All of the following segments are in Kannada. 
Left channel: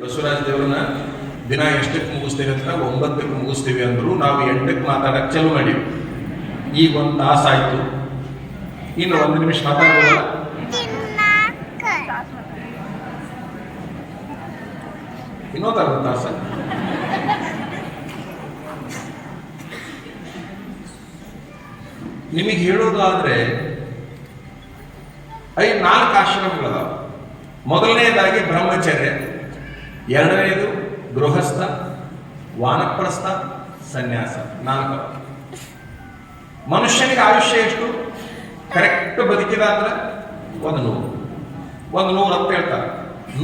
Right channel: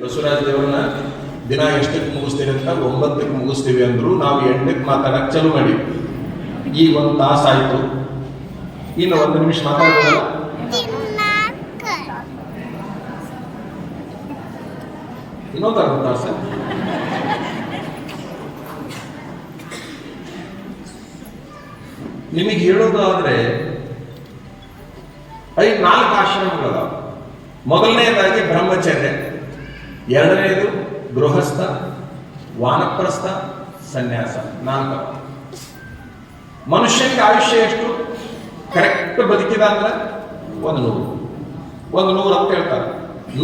ಬಸವರಾಜ ದೇವರನ್ನ ದಿನ ಎಷ್ಟಕ್ಕೆ ಮುಗಿಸ್ತೀವಿ ಅಂತ 9ಕ್ಕೆ ಮುಗಿಸ್ತೀವಿ ಅಂದ್ರು. ನಾವು 8ಕ್ಕೆ ಮಾತಾಡಕ್ಕೆ ಚಾಲು ಮಾಡಿ. ಈಗ 1 ತಾಸು ಆಯ್ತು, ಇನ್ನು 1 ನಿಮಿಷ ಮಾತಾಡ್ಬೋದಲ್ಲ? ಇನ್ನೊಂದು ಅರ್ಧ ತಾಸು. ನಿಮಗೆ ಹೇಳೋದಾದ್ರೆ 4 ಆಶ್ರಮಗಳದ. ಮೊದಲನೆಯದಾಗಿ ಬ್ರಹ್ಮಚರ್ಯ, ಎರಡನೆಯದು ಗೃಹಸ್ಥ, ವಾನಪ್ರಸ್ಥ, ಸನ್ಯಾಸ. 4. ಮನುಷ್ಯನಿಗೆ ಆಯುಷ್ಯ ಎಷ್ಟು? ಕರೆಕ್ಟ್ ಬದುಕಿದ ಅಂದ್ರೆ 100 ಅಂತ ಹೇಳ್ತಾರೆ.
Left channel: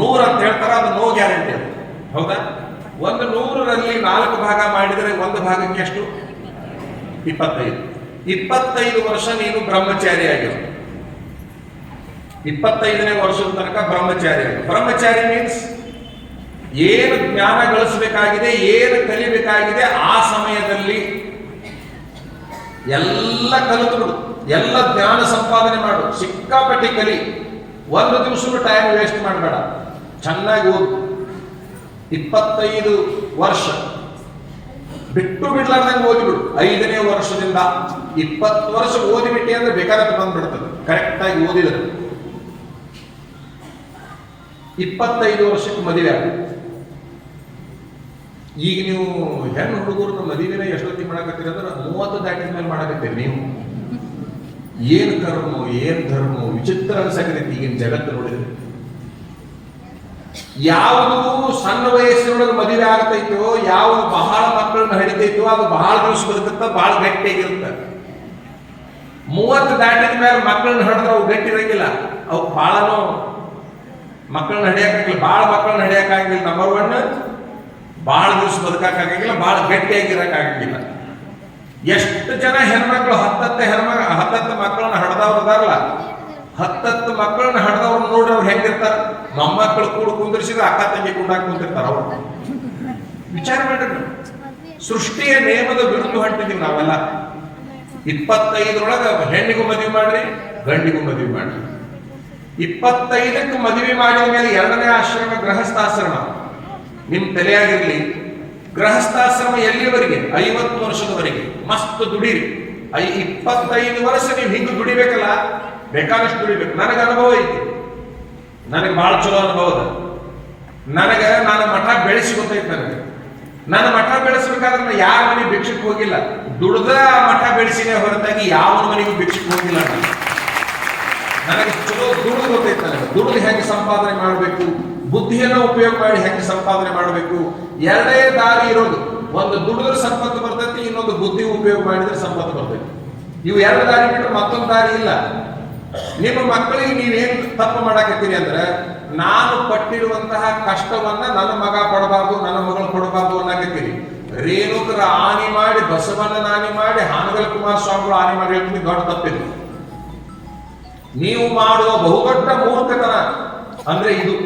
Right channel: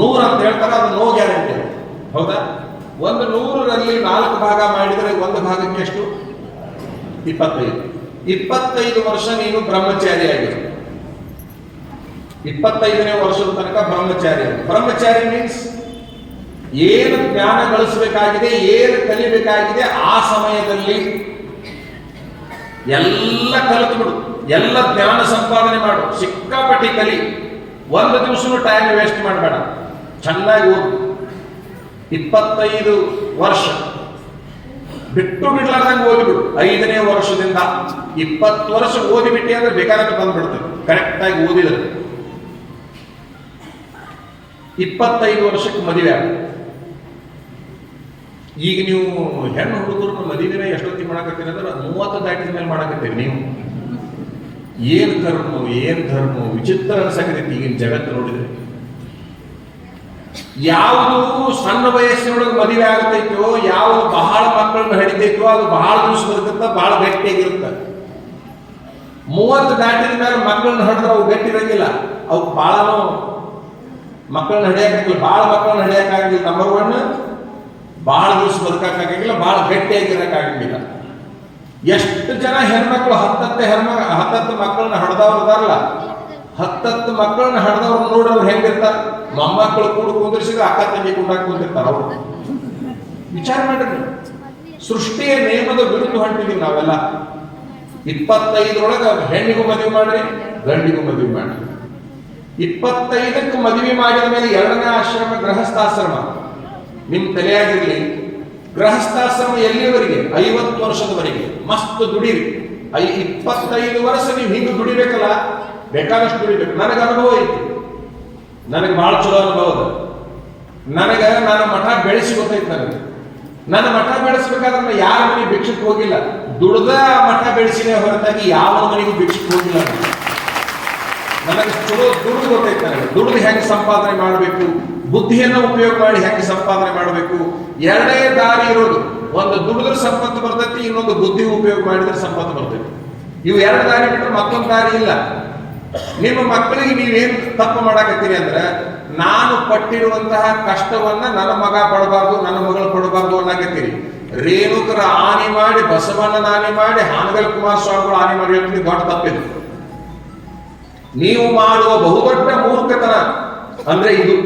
100 ಅಂತ ಹೇಳ್ತಾರೆ, ಅದು ನೋ ಗ್ಯಾರಂಟಿ ಅದು. ಹೌದಾ? 100ರಲ್ಲಿ 4 ಭಾಗ ಮಾಡಿದರೆ 1 ಭಾಗಕ್ಕೆ ಎಷ್ಟು? 25 ವರ್ಷ ನೀನು ಬ್ರಹ್ಮಚಾರಿ ಆಗಿರು. 25ನೇ ವರ್ಷದ ತನಕ ಬ್ರಹ್ಮಚಾರಿ. ಬ್ರಹ್ಮಚಾರಿ ಮೀನ್ಸ್ ಏನು ಜ್ಞಾನ ಗಳಿಸಬೇಕಾಗಿದೆ, ಏನು ಕಲಿಯಬೇಕಾಗಿದೆ ಆ ಸಮಯದಲ್ಲಿ ಎಲ್ಲ ಕಲಿತು ಬಿಡು, ಎಲ್ಲ ಜ್ಞಾನ ಸಂಪಾದನೆ ಮಾಡು, ಸಿಕ್ಕಾಪಟ್ಟಿ ಕಲಿ. 1 ದಿವಸನೂ ಟೈಮ್ ವೇಸ್ಟ್ ಮಾಡಬೇಡ, ಚೆನ್ನಾಗಿ ಓದು. 25 ವರ್ಷ ಬಿಟ್ಟು ಬಿಡ್ಲಾರ್ದಂಗೆ ಓದಿಬಿಡು. 5ನೇ ವರ್ಷದಿಂದ 20 ವರ್ಷ ಓದಿಬಿಟ್ಟಿ ಅಂದ್ರೆ ಬೇಕಾದ್ರೆ ಬಂದ್ಬಿಡ್ತದೆ. ಕರೆಕ್ಟಾಗಿ ಓದಿದ್ರೆ 25 ವರ್ಷಕ್ಕೆ ಮದುವೆ ಆಗ. ಈಗ ನೀವು ಹೆಣ್ಣು ಹುಡುಗರನ್ನ ಮದುವೆನ ಎಷ್ಟೊತ್ತಿಗೆ ಮಾಡಕತ್ತೀರಿ ಅಂದ್ರೆ 30 ದಾಟಿದ ಮೇಲೆ ಮಾಡಕತ್ತೀರಿ ನೀವು. ಏನ್ ಕರ್ಮ, ಏನ್ ಧರ್ಮ, ವಿಚಿತ್ರ ಅನ್ಸಕತೈತಿ ಈಗಿನ ಜಗತ್ತು ನೋಡಿದ್ರೆ. ಯಾವುದು ಸಣ್ಣ ವಯಸ್ಸಿನೊಳಗೆ ಮದುವೆ ಆಗತೈತೋ, ಯಾವುದು ಬಹಳ ಮಕ್ಕಳನ್ನ ಹಡಿತೈತೋ ಅದು ಬಹಳ ದಿವಸ ಬದುಕುತ್ತ, ಬಹಳ ಗಟ್ಟಿಯಾಗಿರುತ್ತೆ. 30 ದಾಟಿದ ಮೇಲೆ ಮಕ್ಕಳನ್ನ ಹಡಿದ್ರೆ ಅವು ಗಟ್ಟಿ ಇರಂಗಿಲ್ಲ, ಅವು ಬಹಳನೂ ಮಕ್ಕಳನ್ನ ಹಡಿಯಕ್ಕಾಗಿಲ್ಲ, ಬಹಳ ಮಕ್ಕಳನ್ನ ಹಡಿಯಕ್ಕಾಗಿಲ್ಲ. ನಂಬರ್ 1, ಬಹಳ ದಿವಸ ಬದುಕಕ್ಕಾಗಿಲ್ಲ, ಬಹಳ ಗಟ್ಟಿಯಾಗಿರಕ್ಕಾಗಿಲ್ಲ. ಎಷ್ಟು ಜನ ಹೆಣ್ಮಕ್ಳು 10 ಮಕ್ಕಳನ್ನ ಹಡ್ದವ್ರು ಅದಾರಲ್ಲ, 10 ಮಕ್ಕಳನ್ನ ಹಡ್ದವ್ರು ನೋಡ್ರಿ ಅವ್ರು ಹೆಂಗಿರ್ತಾರ. ಮೊಮ್ಮಕ್ಕಳು ಕೂಡ ಕುಂದಿರಿಸಿದ್ರೆ ಅಕ್ಕ ತಂಗಿ ಕುಂಡಾಕ್ ಕುಂತಿರ್ತಾರ ಅವ್ರು. ವಿಚಾರ ಮಾಡ್ರಿ, ಸೃಷ್ಟಿಯ ನೇಮದ ವಿರುದ್ಧ ಹೊಂಟಿದೀವಿ ನಾವೆಲ್ಲ. 25ರೊಳಗ ಹೆಣ್ಣಿಗೂ ಮದುವೆ ಮಾಡ್ರಿ, ಗಂಡಿಗೂ ಮದುವೆ ಮಾಡ್ರಿ. 25ಕ್ಕೆ ಮದುವೆ ಮಾಡಿದ ಮೇಲೆ 2ನೇ ಆಶ್ರಮ ಗೃಹಸ್ಥಾಶ್ರಮ. ನಿಮ್ ತಲೆಯಾಗಿರ್ಲಿ, ಗೃಹಸ್ಥಾಶ್ರಮ ಎಲ್ಲಿಯವರೆಗೆ? 50 ವರ್ಷದವರೆಗೆ. ಮಸ್ತ್ ದುಡಿರಿ. 25 ವರ್ಷ ನೀವು ಹಿಂಗೆ ದುಡಿಬೇಕಲ್ಲ, ಬೇಕಾದಷ್ಟು ದುಡಿಬೇಕು. ನನಗೆ ಅನುಭವ ಐತಿ, ನನಗೆ ಬಹಳ ಚಲೋ ಅನುಭವ ಅದ. ನನ್ನ ಮಠ ಬೆಳೆಸಿ ಗೊತ್ತೈತಿ. ನನ್ನ ಮಠ ಬೆಳೆಸಬೇಕಾದ್ರೆ ಯಾರ ಮನೆ ಭಿಕ್ಷಕ್ಕೆ ಹೋಗಿಲ್ಲ, ದುಡ್ದ ಮಠ ಬೆಳೆಸಿನೇ ಹೊರತಾಗಿ ಯಾವ ಮನೆಗೂ ಭಿಕ್ಷಕ್ಕೆ ಹೋಗಿಲ್ಲ. ನನಗೆ ಚಲೋ ದುಡ್ದು ಗೊತ್ತೈತಿ. ನನಗೆ ದುಡ್ದು ಹೆಂಗೆ ಸಂಪಾದನೆ ಮಾಡಬೇಕು, ಬುದ್ಧಿಯನ್ನು ಉಪಯೋಗ ಮಾಡಿ ಹೆಂಗೆ ಸಂಪಾದನೆ ಮಾಡಬೇಕು. 2 ದಾರಿ ಇರೋದು. ಒಂದು ದುಡಿದ್ರೆ ಸಂಪತ್ತು ಬರ್ತೈತಿ, ಇನ್ನೊಂದು ಬುದ್ಧಿ ಉಪಯೋಗ ಮಾಡಿದ್ರೆ ಸಂಪತ್ತು ಬರ್ತೈತಿ. ಇವು 2 ದಾರಿ ಬಿಟ್ಟರೆ ಮತ್ತೊಂದು ದಾರಿ ಇಲ್ಲ. ನಿಮ್ಮ ಮಕ್ಕಳಿಗೆ ನೀವೇನ್ ತಪ್ಪು ಮಾಡಾಕತ್ತೀರಿ ಅಂದ್ರೆ, ನಾನು ಪಟ್ಟಿರುವಂತಹ ಕಷ್ಟವನ್ನ ನನ್ನ ಮಗ ಪಡಬಾರ್ದು, ನನ್ನ ಮಗಳು ಕೊಡಬಾರ್ದು ಅನ್ನಕತ್ತೀರಿ. ರೇಣುಕರ ಆನೆ ಮಾಡಿ, ಬಸವಣ್ಣನ ಆನೆ ಮಾಡಿ, ಹಾನಗಲ್ ಕುಮಾರಸ್ವಾಮಿಗಳು ಆನೆ ಮಾಡಿ ಹೇಳ್ತೀನಿ, ದೊಡ್ಡ ತಪ್ಪಿದೆ. ನೀವು ಮಾಡುವ ಬಹುದೊಡ್ಡ ಮೂರ್ಖತನ ಅಂದ್ರೆ ಇದು.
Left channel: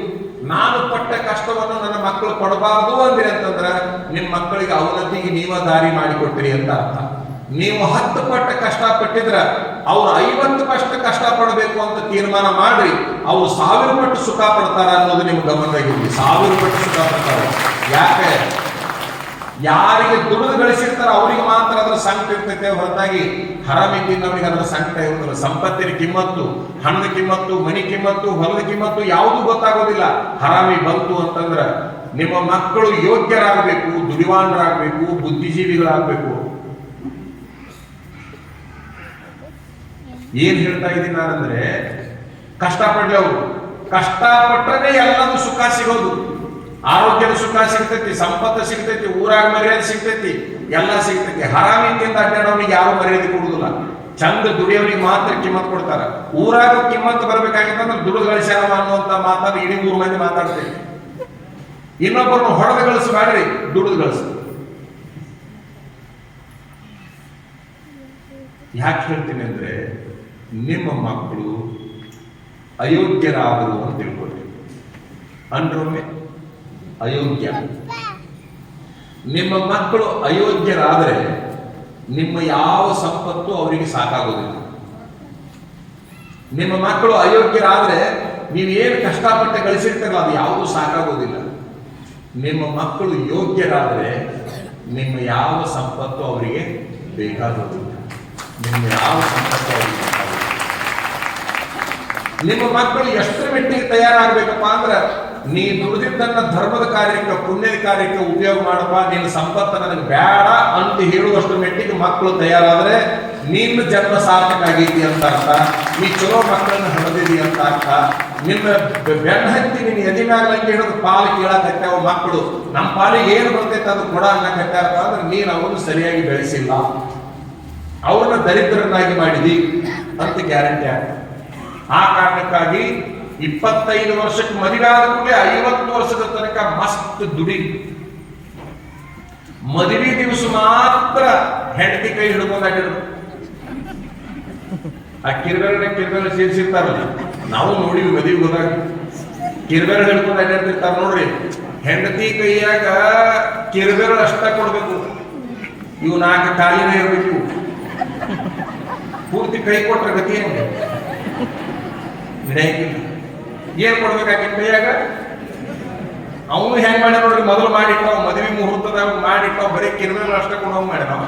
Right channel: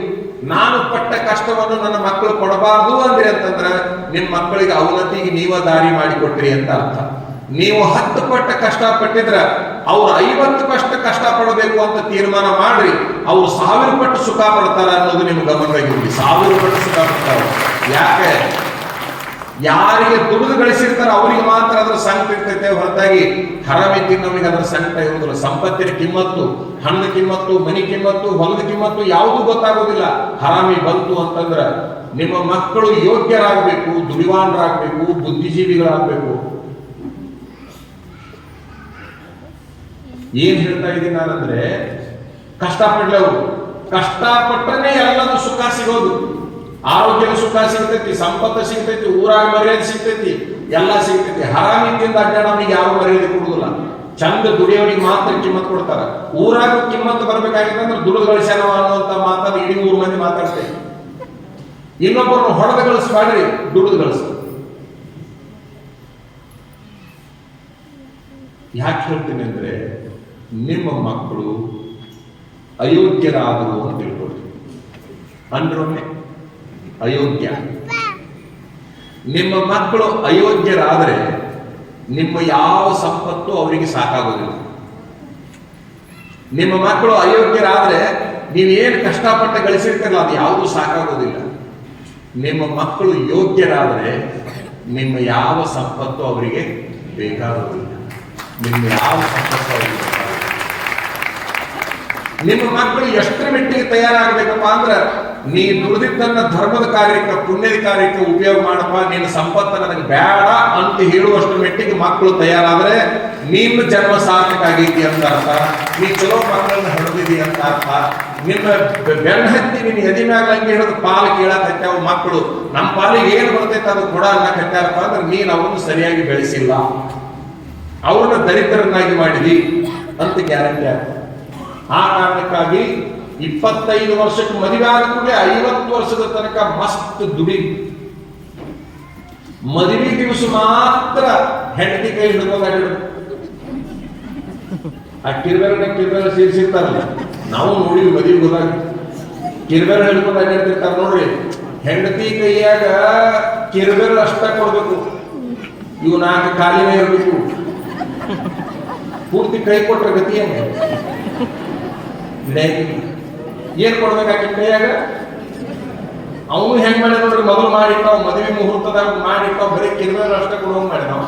ನಾನು ಪಟ್ಟ ಕಷ್ಟವನ್ನು ನನ್ನ ಮಕ್ಕಳು ಕೊಡಬಾರ್ದು ಅಂದ್ರೆ ಅಂತಂದ್ರೆ ನಿಮ್ಮ ಮಕ್ಕಳಿಗೆ ಅವನತಿಗೆ ನೀವ ದಾರಿ ಮಾಡಿಕೊಟ್ರಿ ಅಂತ ಅರ್ಥ. ನೀವು 10 ಪಟ್ಟ ಕಷ್ಟಪಟ್ಟಿದ್ರ ಅವ್ರು 50 ಕಷ್ಟ ಪಡಬೇಕು ಅಂತ ತೀರ್ಮಾನ ಮಾಡ್ರಿ, ಅವ್ರು 1000 ಪಟ್ಟು ಸುಖ ಪಡ್ತಾರ ಅನ್ನೋದು ನಿಮ್ಗೆ ಗಮನವಾಗಿರ್ಲಿ. 1000 ಪಟ್ಟು ಸುಖ ಪಡ್ತಾರೆ. ಯಾಕೆ? ಯಾರಿಗೆ ದುಡಿದು ಗಳಿಸಿರ್ತಾರ ಅವರಿಗೆ ಮಾತ್ರ ಅದ್ರ ಸಂಕಟ ಇರ್ತೈತೆ, ಹೊರತಾಗಿ ಹರಾಮಿ ತಿನ್ನೋರಿಗೆ ಅದ್ರ ಸಂಕಟ ಇರೋದಿಲ್ಲ. ಸಂಪತ್ತಿನ ಕಿಮ್ಮತ್ತು, ಹಣ್ಣದ ಕಿಮ್ಮತ್ತು, ಮನಿ ಕಿಮ್ಮತ್ತು, ಹೊಲದ ಕಿಮ್ಮತ್ತು ಯಾವುದೂ ಗೊತ್ತಾಗೋದಿಲ್ಲ. ಹರಾಮಿ ಬಂತು ಅಂತಂದ್ರ ನಿಮ್ಮ ಮಕ್ಕಳು ಯೋಗ್ಯರಾಗಬೇಕು, ದುಡಿವಾಣರಾಗಬೇಕು, ಬುದ್ಧಿಜೀವಿಗಳಾಗಬೇಕು. ಏನ್ ಹೇಳ್ತಾ ಇದ್ದೀನಿ ನಾನಂದ್ರೆ, ಕಷ್ಟಪಡ್ಲಿ ಅವರು. ಕಷ್ಟಪಟ್ಟರೆ ಎಲ್ಲದೂ ಸುಖ ಸಿಗೋದು. ಆರೋಗ್ಯದ ಸುಖ ಸಿಗ್ತೈತಿ, ಸಂಪತ್ತು ಸಿಗ್ತೈತಿ, ಊರಾಗ ಮರ್ಯಾದೆ ಸಿಗ್ತೈತಿ, ಎಲ್ಲ ಸಿಗ್ತೈತಿ. ಹರಾಮಿಂದ ಅಡ್ಡಾಡೋರಿಗೆ ಯಾರು ಮರ್ಯಾದೆ ಕೊಡುದಿಲ್ಲ. ಚಂದ ದುಡಿಯೋರಿಗೆ ಮಾತ್ರ ಕಿಮ್ಮತ್ ಕೊಡ್ತಾರ. ಊರಾಗ ಕಿಮ್ಮತ್ ಬರ್ಬೇಕಾಗಿತ್ತಂದ್ರೆ ದುಡಿದು ಗಳಿಸ್ಯಾನವ ಅನ್ನುವಂತ ಮಾತಾಡ ಇಡೀ 3 ಮಂದಿ ಮಾತಾಡ್ತೇವೆ. ಇನ್ನೊಬ್ಬರನ್ನು ಹೊಡೆದು ಗಳಿಸ್ಬೇಡ್ರಿ, ದುಡಿದು ಗಳಿಸ್. ಯಾಕೆ ಹೇಳ್ತೀನಿ ಅಂದ್ರೆ, ನಿಮ್ಮ ಮಕ್ಕಳು ಅಯೋಗ್ಯರಾದರು ಅಂತ ತಿಳ್ಕೊಳ್ರಿ. ಅಂದ್ರೊಮ್ಮೆ ಅಯೋಗ್ಯ. ನಿಮ್ಮ ಮಕ್ಕಳು ಅಯೋಗ್ಯರಾದರೆ ನಿಮ್ಮ ಯಾವ ಸಂಪತ್ತು ಅವರಿಗೆ ಸಾಕಾಗೋದಿಲ್ಲ. ನಿಮ್ಮ ಮಕ್ಕಳು ಅಯೋಗ್ಯರಾದ್ರೆ ನೀವೇನು ಕಷ್ಟಪಟ್ಟು ಗಳಿಸಿರ್ತಾರಲ್ಲ ಅದು ಯಾವುದೂ ಸಾಕಾಗೋದಿಲ್ಲ. ನಿಮ್ಮ ಮಕ್ಕಳು ಯೋಗ್ಯರಾದರೆ ನಿಮ್ಮ ಯಾವ ಸಂಪತ್ತು ಅವರಿಗೆ ಬೇಕಾಗುವುದಿಲ್ಲ. ನಿಮ್ಮ ಯಾವ ಸಂಪತ್ತು ಅವರಿಗೆ ಬೇಕಾಗುವುದಿಲ್ಲ. ನಿಮ್ಮ ಮಕ್ಕಳು ಎಷ್ಟರ ಮಟ್ಟಿಗೆ ತಯಾರಾಗಬೇಕಪ್ಪ ಅಂದ್ರೆ ನೀ ದುಡಿದಿದ್ದನ್ನ ಧರ್ಮದ ಕಾರ್ಯಕ್ಕೆ, ಪುಣ್ಯದ ಕಾರ್ಯಕ್ಕೆ ಉಪಯೋಗ ಮಾಡಪ್ಪ, ನಿನ್ನ ಸಂಪತ್ತು ನನಗೆ ಬೇಡ ಅಂತ ಹೇಳುವಷ್ಟು ಮಟ್ಟಿಗೆ ಮಕ್ಕಳು ತಯಾರಾದರೆ ನಿನ್ನ ಜನ್ಮ ಸಾರ್ಥಕ ಆಗೈತಿ ಅಂತ ಅರ್ಥ. ನೀ ಚಲೋ ಮಕ್ಕಳನ್ನ ಹೊಡೆದಿದಿ ಅಂತ ಅರ್ಥ. ನಿನ್ನ ಬೆನ್ನ ಹತ್ತಿ ನಿನ್ನ ಎದಿ ಮ್ಯಾಗ ಲಂಗಿ ಹಿಡಿದು ಪಾಲು ಕೇಳಕ್ ಹತ್ತಾವ ಮಕ್ಕಳು, ನಮ್ಮ ಪಾಲಿಗೆ ಏನು ಬರ್ತೈತೆ ಅದು ಕೊಡ ಅನ್ನಕ್ ಹತ್ತಾರಪ್ಪ ಅಂದ್ರೆ ನೀನು ಅವರನ್ನು ಸರಿಯಾಗಿ ಬೆಳೆಸಿಲ್ಲ, ಅವ್ರನ್ನ ದರಿದ್ರನ್ನಾಗಿ ಮಾಡಿದಿ ಅಂತ ಗ್ಯಾರಂಟಿ ಆಗ್ತದೆ. ಆ ಕಾರಣಕ್ಕಾಗಿ 25 ವರ್ಷಕ್ಕೆ ಮದುವೆ ಆದ ಕೂಡಲೇ 50 ವರ್ಷದ ತನಕ ಮಸ್ತ್ ದುಡಿ. ಮದುವೆ ದಿವಸ ಮಾತ್ರ ಹೆಂಡತಿ ಕೈ ಹಿಡ್ಕೊಂಡಾಗಿರೋದು. ಆ ಕಿರ್ಬೇರ ಸೇರಿಸಿರ್ತಾರಲ್ಲ, ನಾವು ನೋಡಿ ಮದುವೆ ಹೋದಾಗ ಕಿರ್ಬೇರ ಹಿಡ್ಕೊಂಡು ಅಡ್ಡಾಡ್ತಿರ್ತಾರ ನೋಡ್ರಿ. ಹೆಂಡತಿ ಕೈಯಾಗ ಕಿರ್ಬೇರ ಅಷ್ಟ ಕೊಡ್ಬೇಕು, ಇವು 4 ಕಾಲಿನೇ ಇರ್ಬೇಕು. ಇವು ಪೂರ್ತಿ ಕೈ ಕೊಟ್ರ ಗತಿ ಹೆಂಗ ಏನ್ ಕೊಡ್ಬೇಕಾಗಿನ ಕೈಯಾಗ? ಅವನು ಹೆಂಗ್ ಮಾಡ್ಯ ನೋಡ್ರಿ, ಮೊದಲು ಮಾಡಿಟ್ಟಾವ್ ಮದುವೆ ಮುಹೂರ್ತದಾಗ ಮಾಡಿಟ್ಟಾವ್, ಬರೀ ಕಿರ್ಬೇರ ಅಷ್ಟ ಕೊಡುವಂಗ್ ಮಾಡ್ಯ ನಾವು.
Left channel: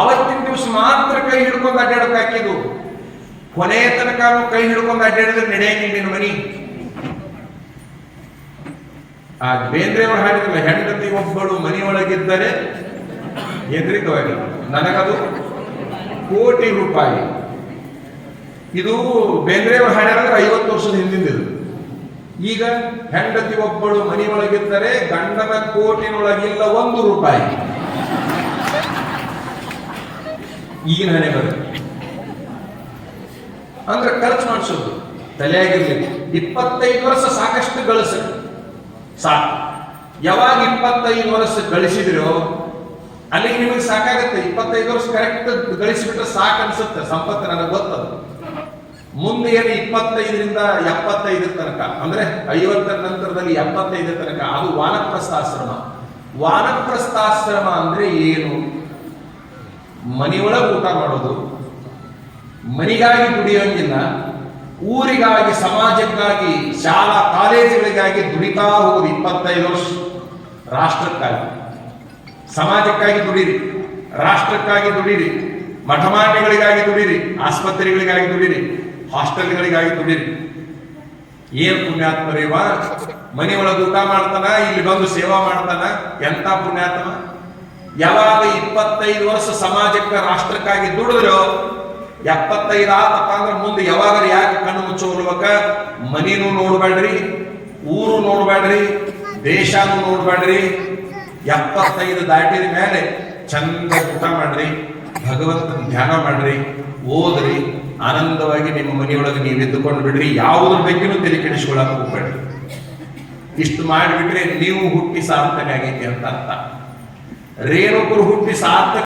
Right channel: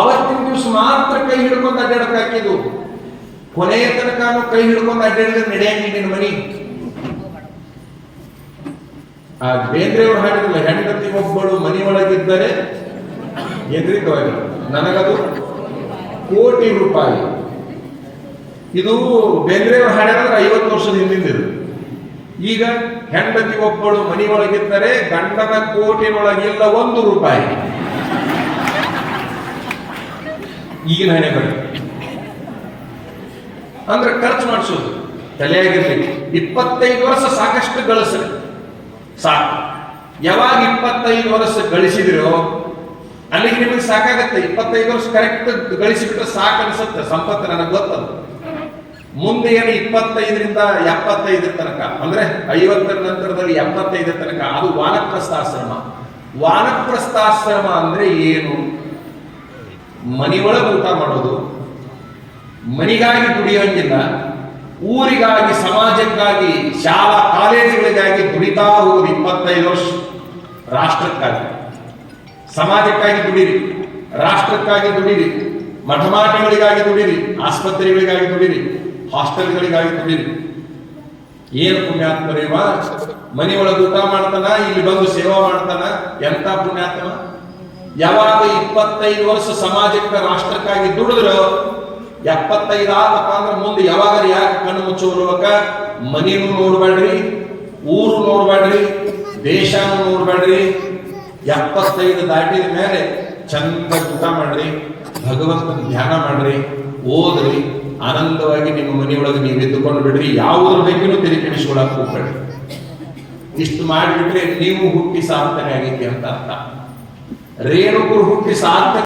ಅವತ್ತಿನ ದಿವಸ ಮಾತ್ರ ಕೈ ಹಿಡ್ಕೊಂಡು ಅಡ್ಡಾಡಕ್ ಹಾಕಿದ್ದು. ಕೊನೆಯ ತನಕ ಕೈ ಹಿಡ್ಕೊಂಡು ಅಡ್ಡಾಡಿದ್ರೆ ನಡೆಯಂಗಿಲ್ಲ ನಿನ್ನ ಮನಿ. ಆ ಬೇಂದ್ರೆಯವರು ಹಾಡಿದ್ರಲ್ಲ, ಹೆಂಡತಿ ಒಬ್ಬಳು ಮನೆಯೊಳಗಿದ್ದರೆ ಎದುರಿಗವಾಗಿ ನನಗದು ಕೋಟಿ ರೂಪಾಯಿ. ಇದು ಬೇಂದ್ರೆಯವರು ಹಾಡಿದ್ರೆ 50 ವರ್ಷದ ಹಿಂದಿಂದಿದು. ಈಗ ಹೆಂಡತಿ ಒಬ್ಬಳು ಮನೆಯೊಳಗಿದ್ದರೆ ಗಂಡನ ಕೋಟಿನೊಳಗಿಲ್ಲ 1 ರೂಪಾಯಿ. ಈಗಿನ ಹಣೆ ಬರ ಅಂದ್ರೆ ಖರ್ಚು ಮಾಡಿಸೋದು ತಲೆಯಾಗಿರ್ಲಿ. 25 ವರ್ಷ ಸಾಕಷ್ಟು ಗಳಿಸ್ರಿ ಸಾಕು. ಯಾವಾಗ 25 ವರ್ಷ ಗಳಿಸಿದಿರೋ ಅಲ್ಲಿಗೆ ನಿಮಗೆ ಸಾಕಾಗತ್ತೆ. 25 ವರ್ಷ ಕರೆಕ್ಟ್ ಗಳಿಸಿಬಿಟ್ರೆ ಸಾಕು ಅನ್ಸುತ್ತೆ ಸಂಪತ್ತು, ನನಗೆ ಗೊತ್ತದು. ಮುಂದೆ ಏನು 25ರಿಂದ 75 ತನಕ ಅಂದ್ರೆ 50ರ ನಂತರದಲ್ಲಿ 75 ತನಕ ಅದು ವಾನಪ್ರಸ್ಥಾಶ್ರಮ. ವಾನಪ್ರಸ್ಥಾಶ್ರಮ ಅಂದ್ರೆ ಏನು? ಮನೆಯೊಳಗೆ ಊಟ ಮಾಡೋದು, ಮನಿಗಾಗಿ ದುಡಿಯೋಂಗಿಲ್ಲ, ಊರಿಗಾಗಿ, ಸಮಾಜಕ್ಕಾಗಿ, ಶಾಲಾ ಕಾಲೇಜುಗಳಿಗಾಗಿ ದುಡಿತಾ ಹೋಗುದು 25 ವರ್ಷ. ರಾಷ್ಟ್ರಕ್ಕಾಗಿ, ಸಮಾಜಕ್ಕಾಗಿ ದುಡಿರಿ, ರಾಷ್ಟ್ರಕ್ಕಾಗಿ ದುಡಿರಿ, ಮಠಮಾಟಿಗಳಿಗಾಗಿ ದುಡಿರಿ, ಆಸ್ಪತ್ರೆಗಳಿಗಾಗಿ ದುಡಿರಿ, ಹಾಸ್ಟೆಲ್ಗಳಿಗಾಗಿ ದುಡಿರಿ. ಏನ್ ಪುಣ್ಯಾತ್ಮ ಇವ, ಮನೆಯೊಳಗೆ ಊಟ ಮಾಡ್ತಾನ, ಇಲ್ಲಿ ಬಂದು ಸೇವಾ ಮಾಡ್ತಾನ, ಎಂತ ಪುಣ್ಯಾತ್ಮ. ಯಾವಾಗ 25 ವರ್ಷ ಸಮಾಜಕ್ಕೆ, ರಾಷ್ಟ್ರಕ್ಕಾಗಿ ದುಡಿದ್ರು 75 ಆತಪ್ಪ ಅಂದ್ರೆ ಮುಂದೆ ಯಾವಾಗ ಯಾಕೆ ಕಣ್ಣು ಮುಚ್ಚೋಲ್ಬೇಕ? ಮನಿನೂ ನೋಡ್ಬೇಡ್ರಿ, ಊರು ನೋಡ್ಬೇಡ್ರಿ, ದೇಶನೂ ನೋಡ್ಬೇಡ್ರಿ. 75 ದಾಟಿದ ಮೇಲೆ ಚಂದ ಊಟ ಮಾಡ್ರಿ, ಭಗವಂತನ ಧ್ಯಾನ ಮಾಡ್ರಿ, ಓದ್ರಿ, ಆನಂದವಾಗಿ ನಿಮ್ಮ ಮನೆಯೊಳಗೆ ನೀವು ಎದ್ದುಕೊಂಡು ಬಿಡ್ರಿ. ಯಾವುದ್ರ ಬಗ್ಗೆನೂ ತಲೆ ಕೆಡಿಸ್ಕೊಳಕ್ ಹೋಗ್ಬೇಡ್ರಿ. ಇಷ್ಟು ಮಾಡಿಬಿಟ್ರೆ ನೀವು ಹುಟ್ಟಿ ಸಾರ್ಥಕ ಆಗೈತಿ ಅಂತ ಅರ್ಥ. ರೇಣುಕರು ಹುಟ್ಟಿ ಸಾರ್ಥಕ